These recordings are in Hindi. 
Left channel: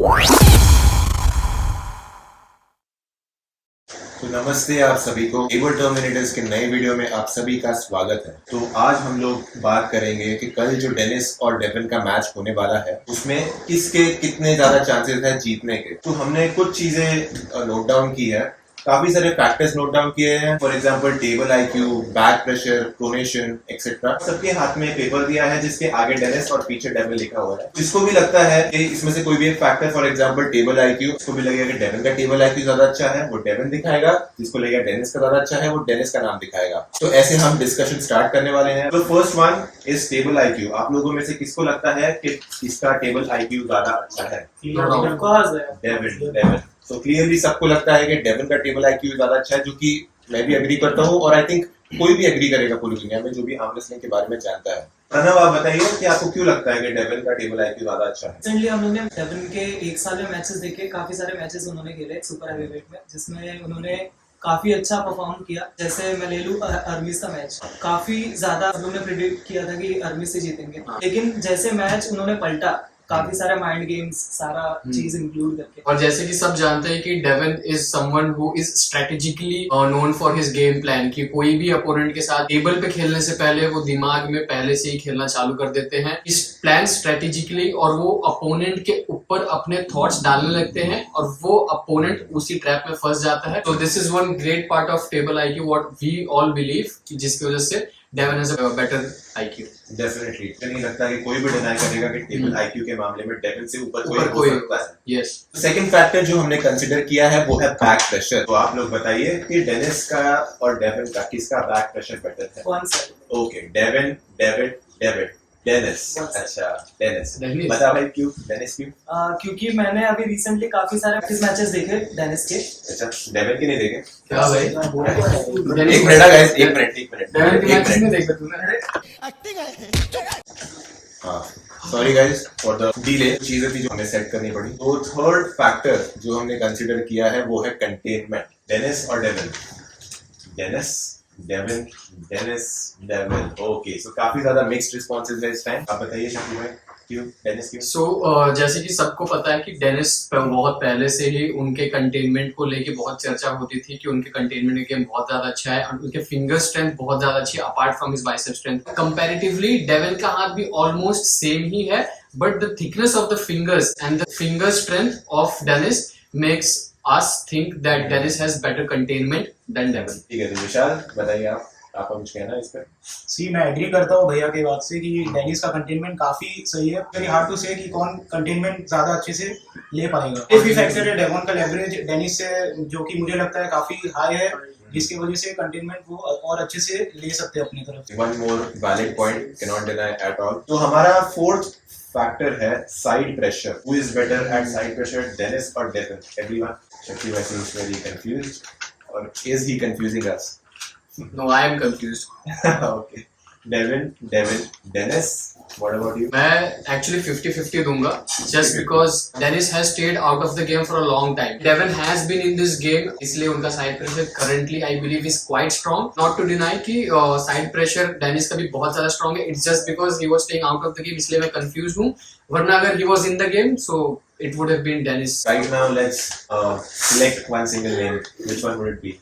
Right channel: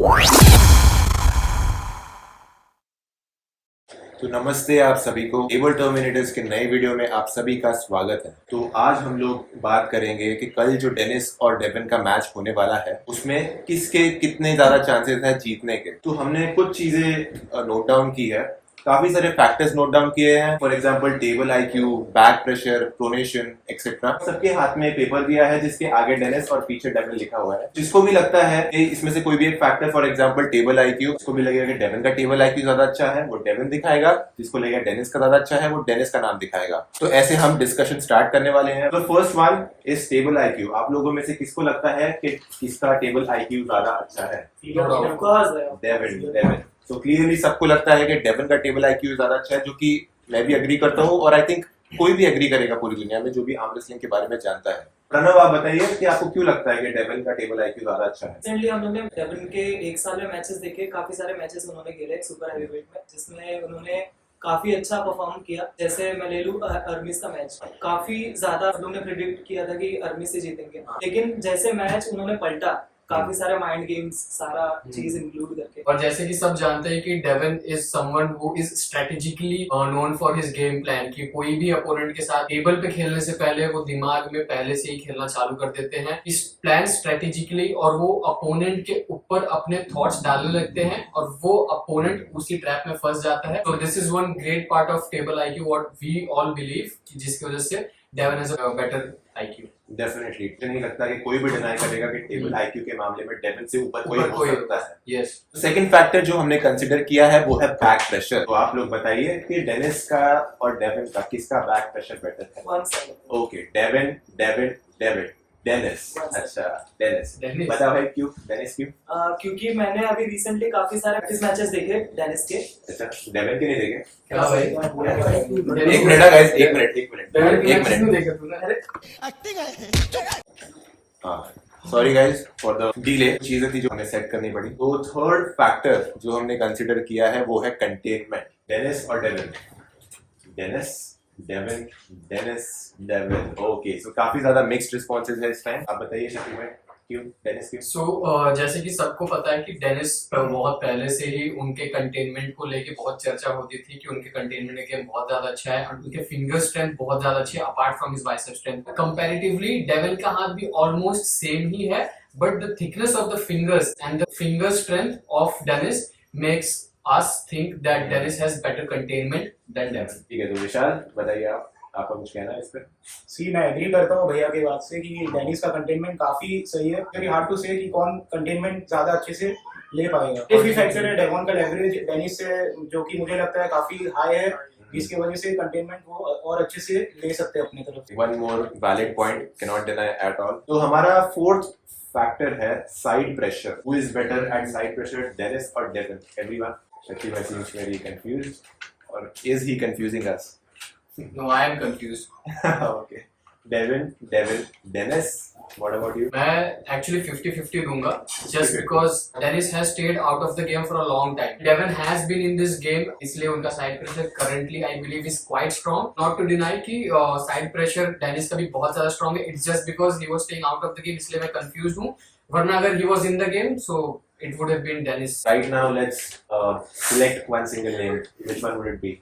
तो नमस्ते आप सभी को एबल टर्मिनेटर्स के नए वीडियो में आप सभी का स्वागत है। तो आज हम लोग बात करेंगे कि कल जो डेनिस और डेविन का मैच होने वाला है उसमें किसके कितने ज्यादा चांसेस है जीतने के। तो हमने कुछ चीजें नोट डाउन की है, काफी सारे फैक्टर्स नोट डाउन किए हैं। For example table IQ, back pressure, pronation etcetera. सबके हाथ में पेपर दिया है जिसके आगे डेनिस और पीछे डेविन लिखा हुआ है। जिसको भी लगता है कि इसमें से कोई भी एक factor, for example table IQ, उसको भी लगेगा कि डेविन का टेबल आईक्यू ज्यादा अच्छा है, वो डेविन दिखाएगा। जिसको लगेगा डेनिस का ज्यादा अच्छा है, वो डेनिस का नाम दिखाएगा। तो ऐसे हम डिस्कशन स्टार्ट करने वाले हैं। तो first one is table IQ. आप लोगों में से किसको लगता है कि किसका टेबल आईक्यू ज्यादा अच्छा है? डेविन। तो क्लियरली सबको लगता है कि डेविन का टेबल आईक्यू ज्यादा अच्छा है, जो कि मैं भी एग्री करता हूँ और आई थिंक कोई भी एग्री करेगा पूरी दुनिया में जो भी आर्म रेसलिंग के बारे में जानता है। प्रणव, आप बताइए कि आपको क्यों लगता है कि डेविन का टेबल आईक्यू ज्यादा अच्छा है? रिसेंटली हमने डेविन के एक साल में मैचेस देखे, काफी सारे मैचेस उन्होंने खेले सुपर हैवीवेट में, जिसमें उन्होंने काफी अच्छा परफॉर्म किया। जैसे मैं ले लूं अर्मिस का मैच, काफी ज्यादा लोगों ने प्रिडिक्ट किया था कि अर्मिस से जीतेंगे, लेकिन जैसे मैच उन्होंने पलटा, काफी सारे माइंड गेम्स, सारा चीज इंक्लूड करके। और जैसे कि सब जानते हैं कि Devin is someone who is strategically known for his game plan, कि कोई भी अपोनेंट के साथ टेबल पे खेलने से पहले वो दिमाग में पहले से ही खेलना चालू कर देते हैं इस प्लान स्ट्रेटेजिकली, और वो अपोनेंट के ऊपर अपने थॉट्स डालने लगते हैं और वो अपोनेंट उसी ट्रैप में फंस जाता है। तो this is one great part of table IQ what we all believe, जिसकी वजह से Devin has a better IQ. Definitely नहीं लगता कि कोई भी डिनाई करेगा कि टेबल आईक्यू के मामले में डेविन से ऊपर कोई हो सकता है। यस। सेकंड फैक्टर जो हमने कंसीडर किया है वो है बैक प्रेशर। तो आप लोग बताइए कि डेनिस का और डेविन का किसका बैक प्रेशर बेटर है? Okay, Devin Devin Devin Dennis. अच्छा, डेनिस। बता भाई क्यों डेनिस क्यों? क्योंकि मैंने अभी रिसेंटली काफी सारे प्रैक्टिस मैचेस देखे डेनिस के। अच्छा, डेविन के नहीं देखे? क्या भाई? एक मिनट गाइस, एक मिनट। हाँ, sorry guys for the delay. चीजें थी जो हमें सेट करनी पड़ी। तो थर्ड फैक्टर जो हमने कंसीडर किया है वो है कंटेनमेंट। डेनिस और Devin, Dennis Devin Dennis Devin. Okay, so काफी ज्यादा मिक्स्ड रिस्पॉन्सेज है इस टाइम। आप बताइए शक्ति भाई क्यों डेनिस क्यों? सो जैसे कि सबको पता है कि डेनिस बहुत पहले से ही उनके कंटेनमेंट को लेके बहुत चर्चा होती थी कि उनके कंटेनमेंट गेम बहुत ज्यादा अच्छा है और उनके फिंगर स्ट्रेंथ बहुत ज्यादा अच्छी है apart from his bicep strength. Comparatively Devin का हाथ भी ऑलमोस्ट सेम ही है, but the thickness of the fingers and the finger strength of Dennis makes us think that Dennis has better containment than Devin। ठीक है, तो विशाल बताइए आपका कुछ कहना है इस पर? मैं एग्री करता हूँ भैया की बात से कि डेनिस का कंटेनमेंट काफी सही है। वेरी हार्ड टू से कि कौन कंटेनमेंट ज्यादा अच्छे से ले पाएगा। एक भी फैक्टर है डेविन का लेवरेज डेनिस से, जो कि मुझे लगता है काफी हाई है, जिसकी वजह से कंटेनमेंट वो और अच्छे से ले सकते हैं अपनी तरफ। One more valid point, can not deny at all. तो हमारा फोर्थ फैक्टर है side pressure. Who is better at side pressure, Dennis और Devin? Everyone, Shakti bhai seems very confused, or is he confusing us? No, I am confused. Okay, Devin, Dennis. What about you? मैं actually 50-50 दूंगा, just because Dennis has stayed out of the game for a long time. Devin has been in this game, इसलिए उनका side pressure currently I believe is quite strong. Not to deny कि side pressure Dennis का भी बहुत ज़्यादा strong है. It's just because he was staying out of the game, इसलिए मैं confused हूँ. वरना अगर he was in the game, so it would have been Dennis. Right now, let's select one single name. Which one would it be?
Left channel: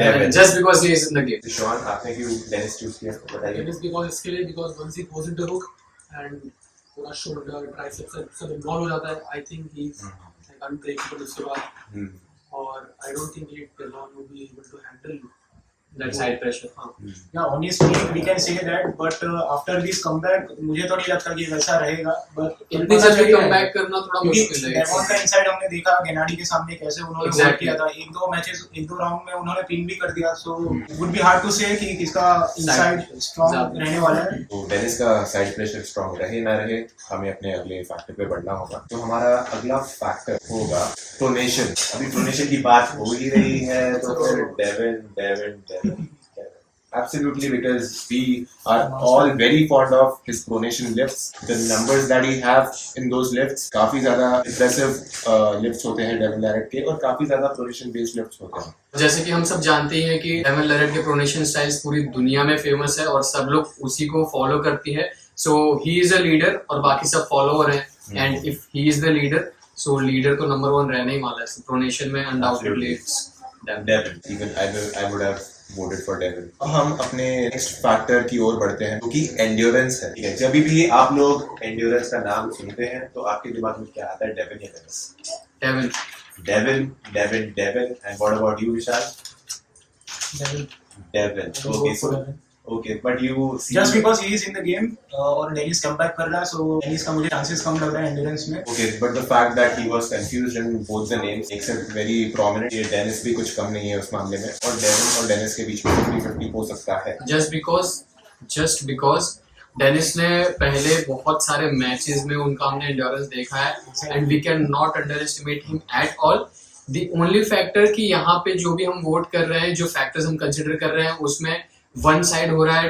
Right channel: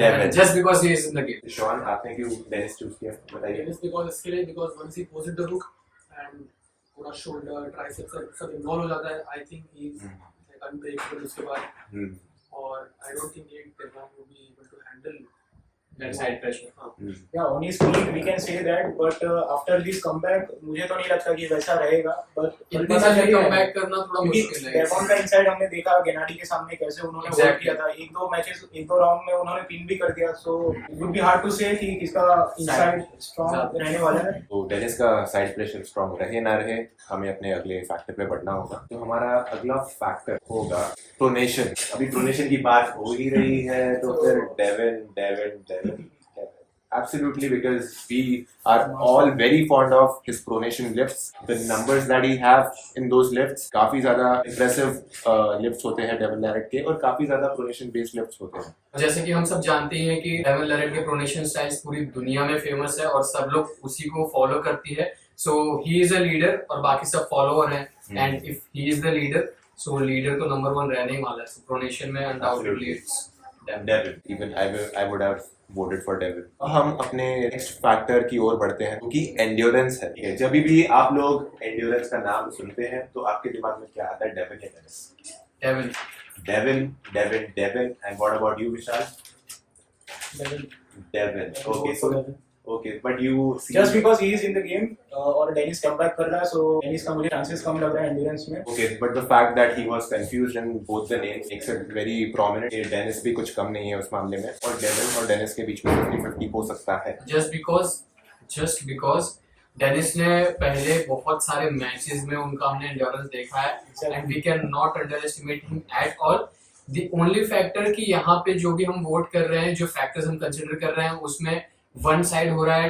Devin. Just because he is in the game. Sean, आपने क्यों Dennis choose किया? बताइए। Dennis because इसके लिए because once he goes into hook and पूरा shoulder, triceps सब involve हो जाता है. I think he's like unbreakable उसके बाद. और I don't think Devon will be able to handle that side pressure. Yeah, honestly we can say that, but after this comeback मुझे तो नहीं लगता कि वैसा रहेगा। But इतनी जल्दी कमबैक करना थोड़ा मुश्किल है। डेविन का इनसाइड हमने देखा गेनाडी के सामने कैसे उन्होंने होल्ड किया था। एक दो राउंड में उन्होंने पिन भी कर दिया। So would be hard to say कि किसका इनसाइड स्ट्रांग रहने वाला है। तो डेनिस का साइड प्रेशर स्ट्रांग रहे ना रहे, हमें अपने अगले फैक्टर पे बढ़ना होगा। तो हमारा अगला फैक्टर होगा प्रोनेशन। अभी प्रोनेशन की बात हो ही रही है, तो फिर Devine absolutely, because we are all very fond of his pronation lifts. The numbers that he have in those lifts काफी ज्यादा impressive lifts होते हैं डेविन लैरेट के, और काफी ज्यादा pronation based lifts होते हैं। जैसे कि हम सब जानते ही हैं कि डेविन लैरेट के प्रोनेशन स्टाइल्स पूरी दुनिया में फेमस है और सब लोग उसी को फॉलो करती है। सो ही इज अ लीडर और बाकी सब फॉलोअर हैं, and if he is the leader so leader तो नंबर 1 रहने ही वाला है। सो प्रोनेशन में undoubtedly it's Devin. Even I would have voted for Devin. हम अपने नेक्स्ट फैक्टर की ओर बढ़ते हैं, जो कि एंड्योरेंस है। ठीक है, जब भी आप लोग एंड्योरेंस का नाम सुनते हैं तो आपके दिमाग में क्या आता है? डेविन या Dennis? Devin Devin and what about you Vishal? Devin. Okay, so okay, but you just because he is in the game और डेनिस कम बैक कर रहा है, सो डेनिस का मुझे चांसेस कम लग रहा है एंड्योरेंस में। Okay, but the fact that he was confused in both the names makes it very prominent. ये डेनिस भी कुछ कम नहीं है उस मामले में, और डेविन और डेनिस के बीच में 50-50 हो सकता है। जस्ट बिकॉज डेनिस ने पहले बहुत सारे मैचेस में उनका हमने एंड्योरेंस देखा है and we can not underestimate him at all. The only factor कि यहाँ पे जो भी हम वोट कर रहे हैं, जो फैक्टर्स हम कंसिडर कर रहे हैं, उसमें वन साइड हो रहा है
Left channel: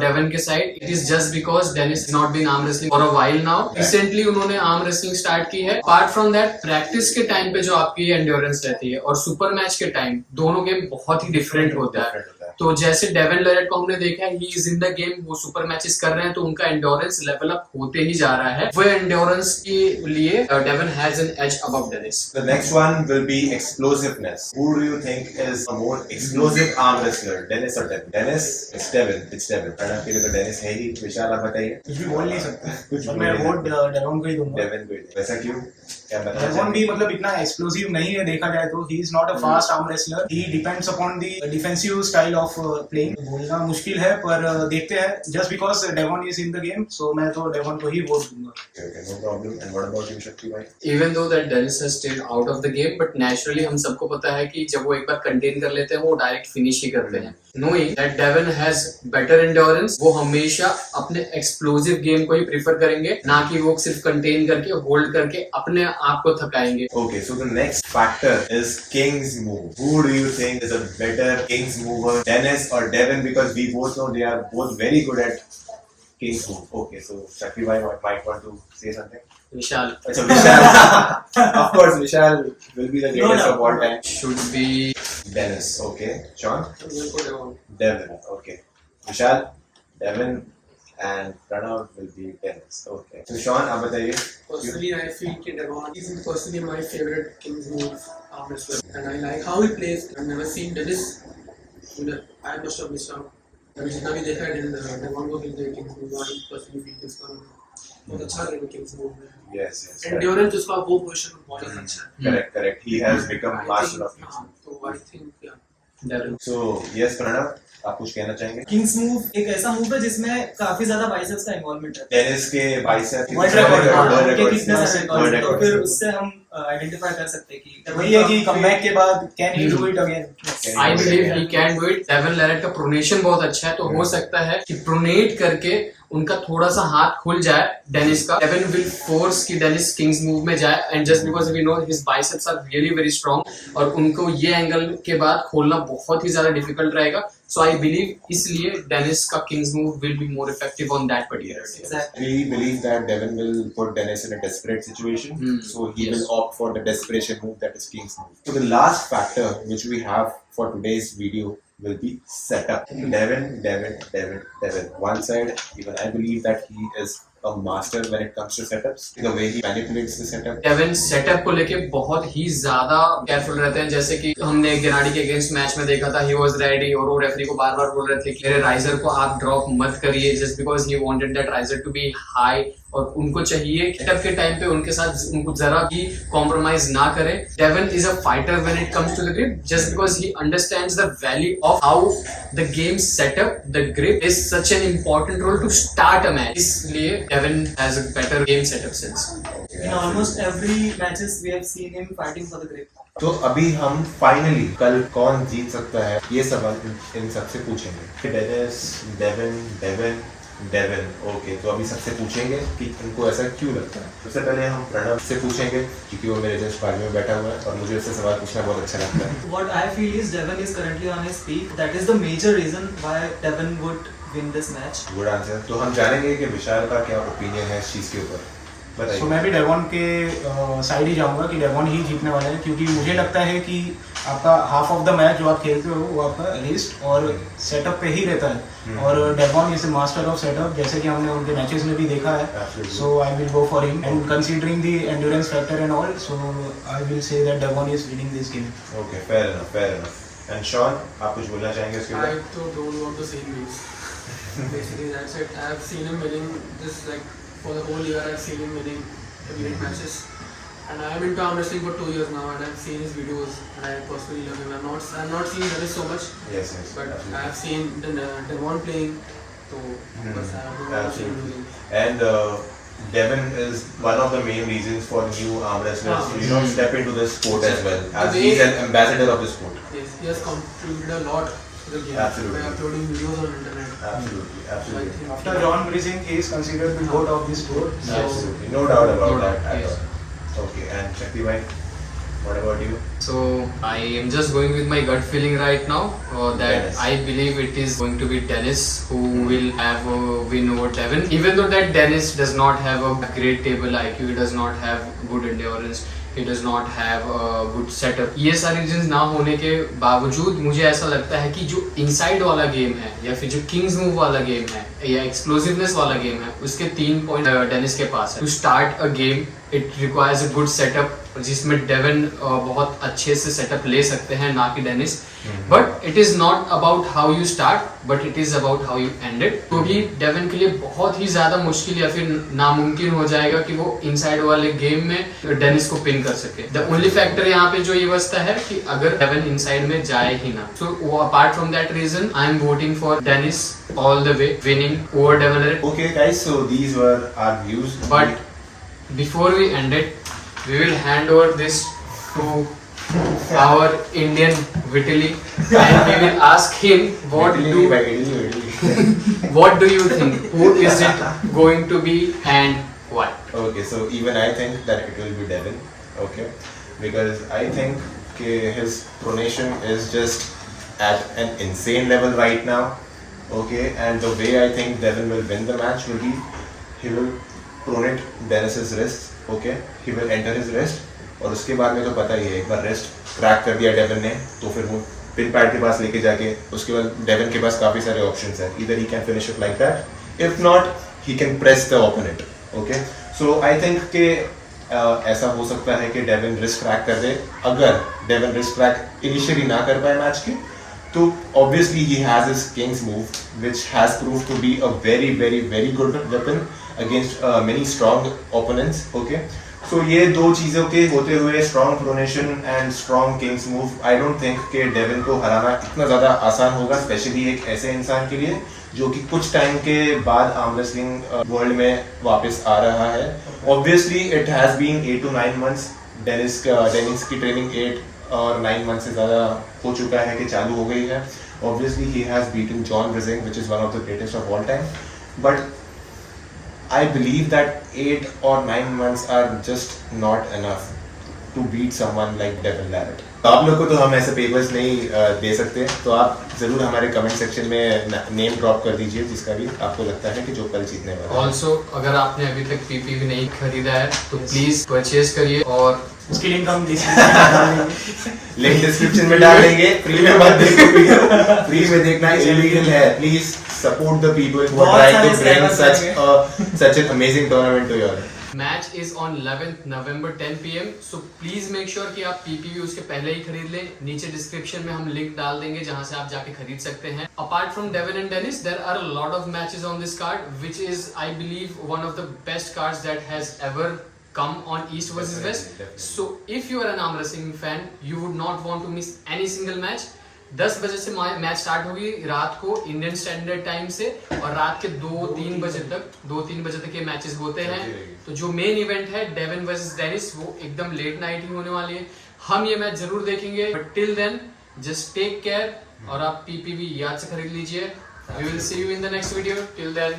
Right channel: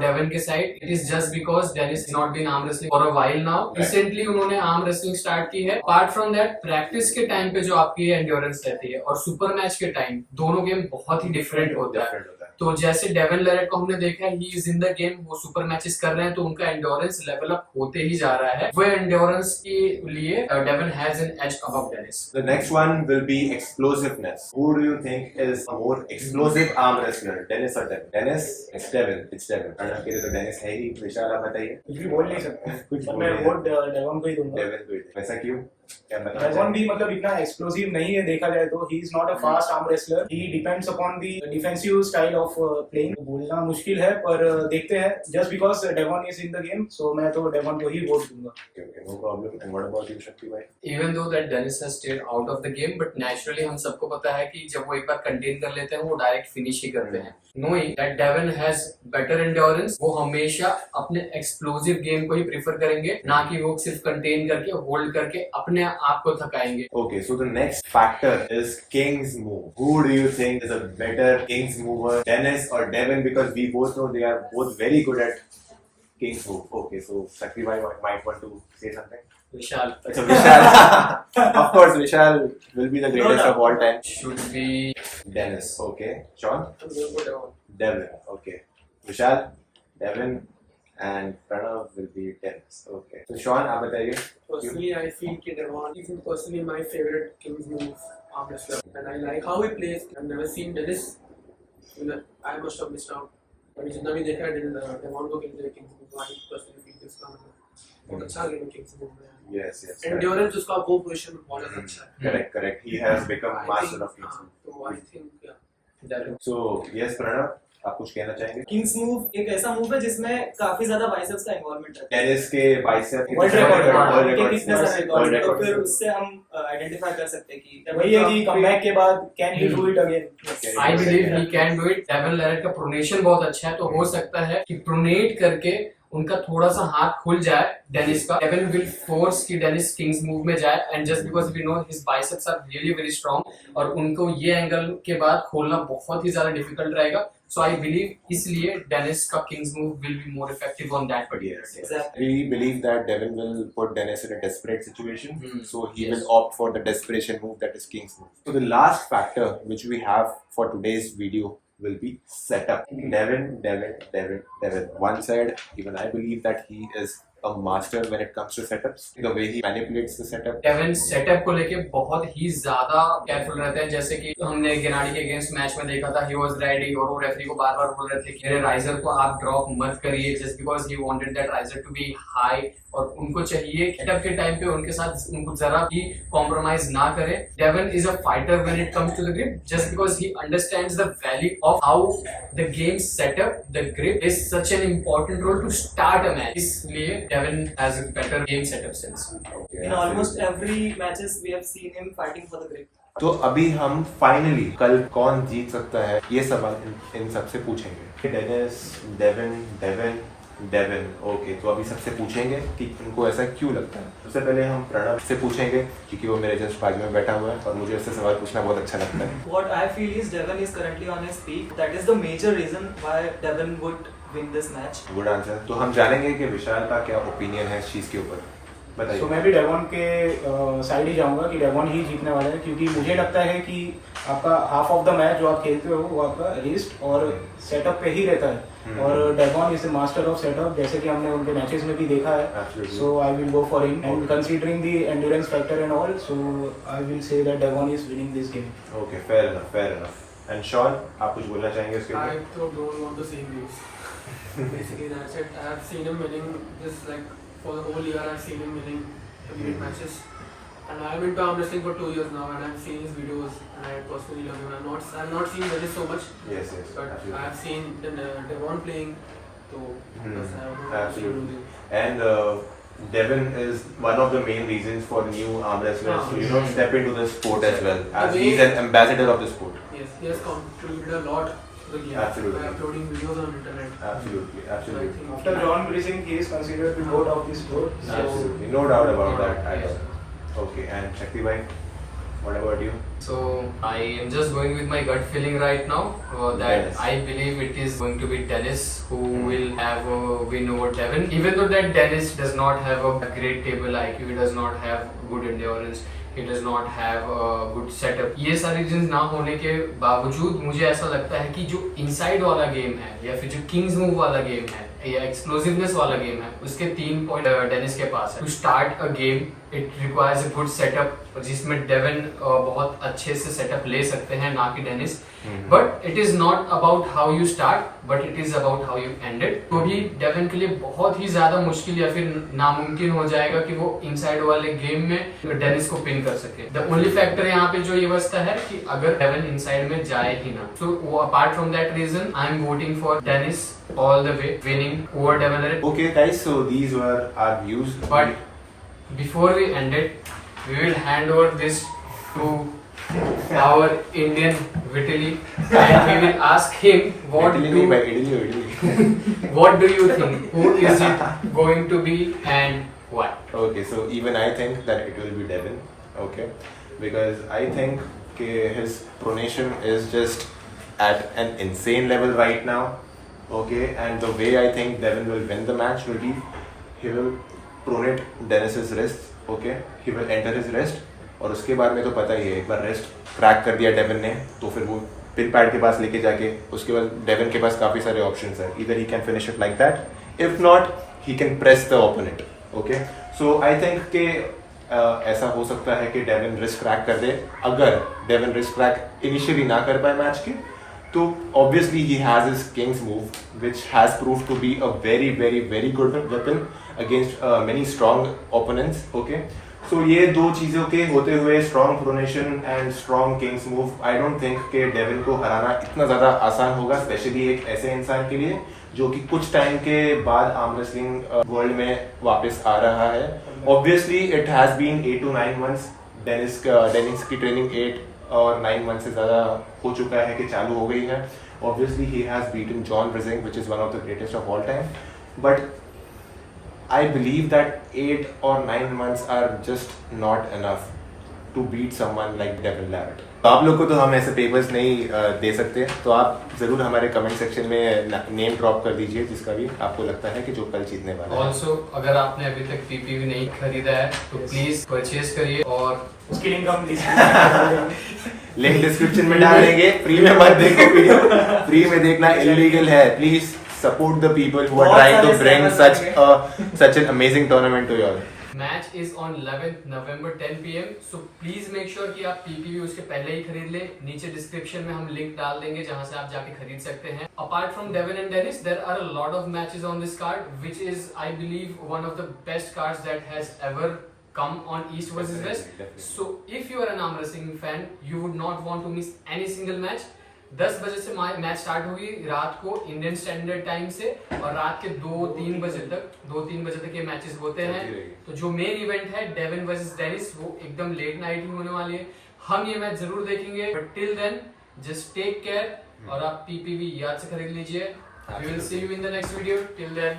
डेविन के साइड। It is just because Dennis not been arm wrestling for a while now. Recently उन्होंने आर्म रेसलिंग स्टार्ट की है। अपार्ट फ्रॉम दैट, प्रैक्टिस के टाइम पे जो आपकी एंड्योरेंस रहती है और सुपर मैच के टाइम, दोनों गेम बहुत ही डिफरेंट होता है। तो जैसे डेविन लेरेट को हमने देखा है, ही इज इन द गेम, वो सुपर मैचेस कर रहे हैं तो उनका एंड्योरेंस लेवल अप होते ही जा रहा है। वो एंड्योरेंस के लिए Devin has an edge above Dennis. The next one will be explosiveness. Who do you think is a more explosive arm wrestler, Dennis or Devin? Dennis? It's Devin. Pranav के लिए तो डेनिस है ही। विशाल, आप बताइए। कुछ भी बोल नहीं सकता, कुछ मैं वोट डेविन को ही दूंगा। डेविन को ही। वैसा क्यों? क्या बताना डेविन भी मतलब इतना एक्सप्लोसिव नहीं है देखा जाए तो। He is not a fast arm wrestler, he depends upon the defensive style of playing. बोलना मुश्किल है पर देखते हैं। Just because Devon is in the game, so मैं तो डेविन को ही वोट दूंगा। No problem. And what about you Shakti भाई? Even though that Dennis has stayed out of the game, but naturally हम सबको पता है कि जब वो एक बार कंटेन कर लेते हैं वो डायरेक्ट फिनिश ही करते हैं। Knowing that Devin has better endurance, वो हमेशा अपने एक्सप्लोसिव गेम को ही प्रेफर करेंगे, ना कि वो सिर्फ कंटेन करके होल्ड करके अपने आप को थकाएंगे। Okay, so the next factor is King's move. Who do you think is a better King's mover, Dennis or Devin? Because we both know they are both very good at King's move. Okay, so Sakri bhai might want to say something. Vishal Achha, Vishal. Of course, Vishal will be the greatest of all time. should be Dennis. Okay. Sean? I'm going for Devon. Devin. Okay. Vishal, Devin, and Pranav will be Dennis. Okay. So Sean, आप बताइए. Personally, I feel that Devon is personally my favorite King's move arm wrestler, and I like how he plays. I've never seen Dennis. I must have missed out. अभी जितना भी देखा है Devon को खेलते हैं King's move, I personally feel इसका बहुत अच्छा गेम है King's move में. Yes, yes. Endurance उसका वो पोजीशन बहुत अच्छा है. Correct. He has become master of King's move. तो I think yeah. Devin. So yes, Pranav, आप कुछ कहना चाहेंगे? किंग्स मूव एक ऐसा मूव है जिसमें काफी ज्यादा बाइसेप्स का इन्वॉल्वमेंट है। टेनिस के बाइसेप World record, कितने सारे World रिकॉर्ड, तो record. फिर उससे हम आइडेंटिफाई कर सकते हैं कि वही है कि कमबैक के बाद can he do it again. I believe he can do it. Devon Larratt का प्रोनेशन बहुत अच्छा है, तो हो सकता है कि प्रोनेट करके उनका थोड़ा सा हाथ खुल जाए डेनिस का। डेविन विल फोर्स कि डेनिस किंग्स मूव में जाए, and just because we know his biceps are really very strong, और उनको ये एंगल के बाद खोलना बहुत ही ज्यादा डिफिकल्ट रहेगा। सो आई बिलीव इसलिए डेनिस का Kings move will be more effective on that particular day. Exactly. We believe that Devin will put Dennis in a desperate situation, so he Yes. will opt for the desperation move, that is King's move. So the last factor which we have for today's video will be setup. Devin. One side, even I believe that he is a master when it comes to setups. The way he manipulates the setup. Devin setup को लेके बहुत ही ज्यादा केयरफुल रहते हैं। जैसे कि हमने गेनाडी के अगेंस्ट मैच में देखा था, ही वाज रेडी और वो रेफरी को बार बार बोल रहे थे कि मेरे राइजर को आप ड्रॉप मत करिए, just because he wanted that riser to be high, और उनको चाहिए सेटअप के टाइम पे उनके साथ उनको जरा भी कॉम्प्रोमाइज ना करें। Devon is a fighter when it comes to the grip, just because he understands the value of how the game setup, the grip is such an important role to start a match. इसलिए Devon has a better game setup sense. In almost every matches we have seen him fighting for the grip. तो अभी हम फाइनली कल कौन जीत सकता है ये सवाल इन सबसे पूछेंगे। डेविन। ओके, तो अभी सबसे पूछेंगे कि उनको ऐसा क्यों लगता है। सबसे पहले हम प्रणव से पूछेंगे क्योंकि वो मेरे जस्ट बाजू में बैठा हुआ है और मुझे उससे सवाल पूछना बहुत अच्छा लगता है। What I feel is Devin is currently on his peak. That is the major reason why Devin would win this match. Good answer. तो हम जानेंगे कि विशाल का क्या ओपिनियन है इस चीज के ऊपर। बताइए। तो मैं भी डेवॉन के साइड ही जाऊंगा कि डेवॉन ही जीतने वाले हैं, क्योंकि मुझे लगता है कि आपका हाफ ऑफ द मैच जो आप खेलते हो वो आपका रिस्ट और सेटअप पे ही रहता है, और Devon is a master of setup, जैसे कि हमने उनके मैचेस में भी देखा है। Absolutely. So I will go for him, and considering the endurance factor and all, so I will say that Devon is winning this game. Okay, fair enough, fair enough. And Shawn, आप कुछ बोलना चाहेंगे इसके I ऊपर? also don't want to see him lose. Basically, that's it. I have seen him winning this, like, for the whole year. I've seen him winning every matches, and I have been to arm wrestling for 2 years now, and I've seen his videos, and I personally love him. I'm not seen Dennis so much, Yes, yes, but I absolutely. have seen Devon playing. So that's I don't want to see him Absolutely. losing. And Devin is one of the main reasons for new arm wrestlers to, step into the sport as well, as he's an ambassador of the sport. Yes, he has contributed a lot to the game Absolutely. by uploading videos on internet. Absolutely, So I absolutely. think After John Brising, he is considered the goat of this sport. Absolutely, no doubt about No that doubt, at yes. all. Okay, and Shakti bhai, what about you? So I am just going with my gut feeling right now that Dennis. I believe it is going to be Dennis who will have a win over Devin. Even though that Dennis does not have a great table IQ, he does not have good endurance, he does not have a good setup. ये सारी चीज़ ना होने के बावजूद मुझे ऐसा लगता है कि जो इनसाइड वाला गेम है या फिर जो किंग्स मूव वाला गेम है या एक्सप्लोसिवनेस वाला गेम है, उसके 3 पॉइंट डेनिस के पास है। To start a game it requires a good setup, जिसमें डेविन बहुत अच्छे से सेटअप ले सकते हैं, ना कि Dennis. But it is not about how you start, but it is about how you end it. क्योंकि डेविन के लिए बहुत ही ज्यादा मुश्किल या फिर नामुमकिन हो जाएगा कि वो इनसाइड वाले गेम में डेनिस को पिन कर सके। द ओनली फैक्टर यहाँ पे जो ये बचता है कि अगर डेविन इनसाइड में जाए ही ना, so apart from that reason I am voting for Dennis all the way, winning over Devon. Okay guys, so these were our views. But before we end it, we will hand over this to our Indian Vitaly, and we will ask him what do you think? Who is it going to be and why? Okay, so even I think that it will be Devin. Okay, because I think his pronation is just at an insane level right now. Okay, and the way I think Devin will win the match will be he will pronate Dennis's wrist. Okay, he will enter his wrist, और उसके बाद में तो पता ही है, एक बार रेस्ट क्रैक कर दिया डेविन ने तो फिर वो पिन पैड के पास लेके जाके उसके बाद डेविन के पास काफ़ी सारे ऑप्शंस हैं। इधर he can finish it like that, if not he can press the opponent. Okay, so I think कि ऐसा हो सकता है कि डेविन रिस्क क्रैक कर दे। अगर डेविन रिस्क क्रैक इनिशियली ना कर पाए मैच के, तो obviously he has his king's move, which has proved to be a very very very good weapon against many strong opponents. Okay, so ये दो चीज़ों के होते हुए strong pronation and strong king's move, I don't think कि डेविन को हराना इतना ज़्यादा आसान होगा, स्पेशली एक ऐसे इंसान के लिए जो कि कुछ टाइम के बाद आर्म रेसलिंग वर्ल्ड में वापस आ रहा है। Obviously it has been 8 to 9 months, Dennis की ट्रेनिंग 8 और 9 मंथ से ज़्यादा हो चुका है कि चालू हो गई है। Obviously he has beaten John Brising, which is one of the greatest of all time, but I believe that 8 or 9 months are just not enough to beat someone like Devin Larratt. तो आप लोग को तो हम ऐसे पेपर्स नहीं दे सकते, तो आप ज़रूर हमारे कमेंट सेक्शन में नेम ड्रॉप कर दीजिए जिसका भी आपको लगता है कि जो कल जीतने वाला है। ऑल्सो अगर आपने अभी तक पीपीवी नहीं खरीदा है तो प्लीज परचेज करिए, और उसकी लिंक हम लिंक डिस्क्रिप्शन में डाल देंगे। फ्री में मत देखो, फ्री में देखना इलीगल है। Please support the people who are trying to bring such an amazing tournament to you all. Match is on 11th November 10 PM, so please make sure कि आप पीपीवी उसके पहले ही खरीद लें। नीचे डिस्क्रिप्शन में हम लिंक डाल देंगे जहां से आप जाके खरीद सकते हैं। Apart from Devin and Dennis, there are a lot of matches on this card, which is I believe one of the best cards that has ever come on East versus West. Definitely. So if you are an arm wrestling fan, you would not want to miss any single match. 10 बजे से मैच स्टार्ट होगी रात को इंडियन स्टैंडर्ड टाइम से, और रात के 2-3 बजे तक ये मैचेस होते हैं। तो जो मेन इवेंट है डेविन वर्सेस डेनिस, वो एकदम लेट नाइट ही होने वाली है। हम ये मैच जरूर देखेंगे, but till then just take care, और आप पीपीवी याद से खरीद लीजिए। We will see you in the next video. Till then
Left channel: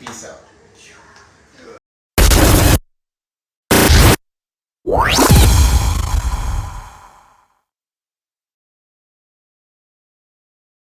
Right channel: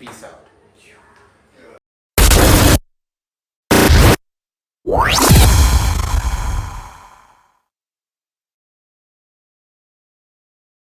Peace out.